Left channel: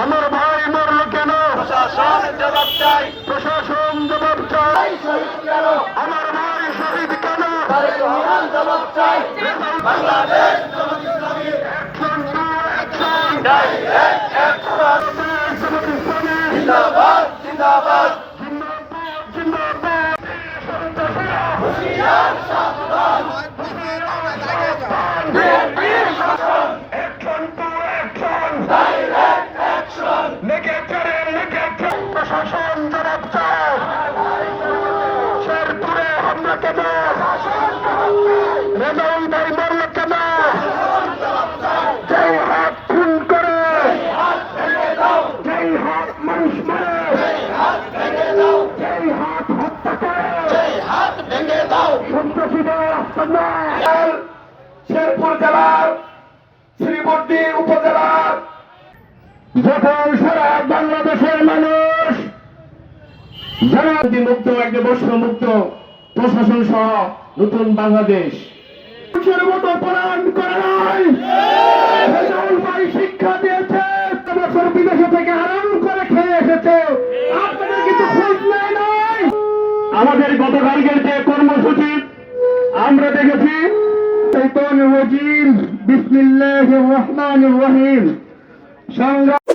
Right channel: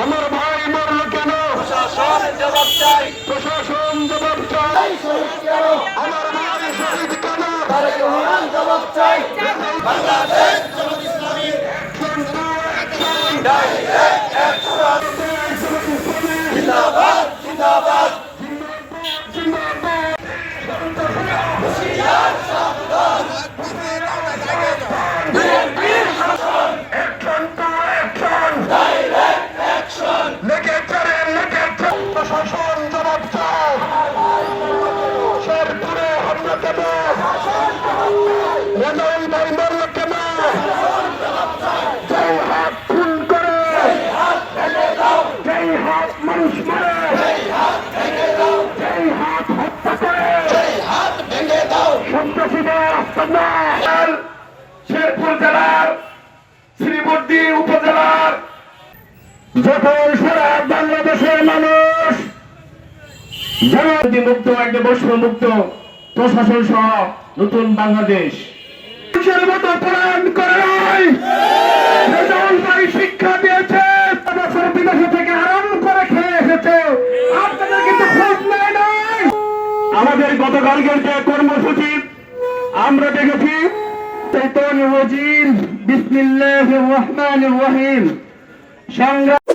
আমার ভাই মরল কেন? প্রশাসন জবাব চাই। প্রশাসন জবাব চাই। শহীদ কেন? আমার ভাই শহীদ কেন? তারেক রহমান জবাব চাই। Bangladesh Jamaat Islami action to action. Direct action. Jamaat Islami জিন্দাবাদ জিন্দাবাদ। জিন্দাবাদ জিন্দাবাদ। হুঁশিয়ার সাবধান। Action to action. Direct action. লেগেছে প্রশাসন জবাব চায়। শেরপুরে হামলা কেন? রেজাউল ভাই মরল কেন? যেই হাত খুন করে, যেই হাত মানুষ মারে, যেই হাত হত্যা করে, হাত ভেঙে দাও। সন্ত্রাসীদের আস্তানার শেরপুর জেলার শ্রীমদ্দি উপজেলার যখন সারা বাংলাদেশের মানুষ মুক্ত একটা বৈষম্যমুক্ত প্রশাসন সহ নতুন বাংলাদেশ মানুষের মতো পলায়ন করে নাই। রেজাউল ভাই শিক্ষা দিয়েছে, বছর বিদেশ থেকে আরাম করে খেয়ে এসেছে, আপনাদের কিন্তু খোঁজ নেয় নাই। আমাদের গতকালকের যে কর্মসূচি আমরা দেখেছি, শয়তানির রাজিম, বিসমিল্লাহির রহমানির রহিম, সংগ্রাম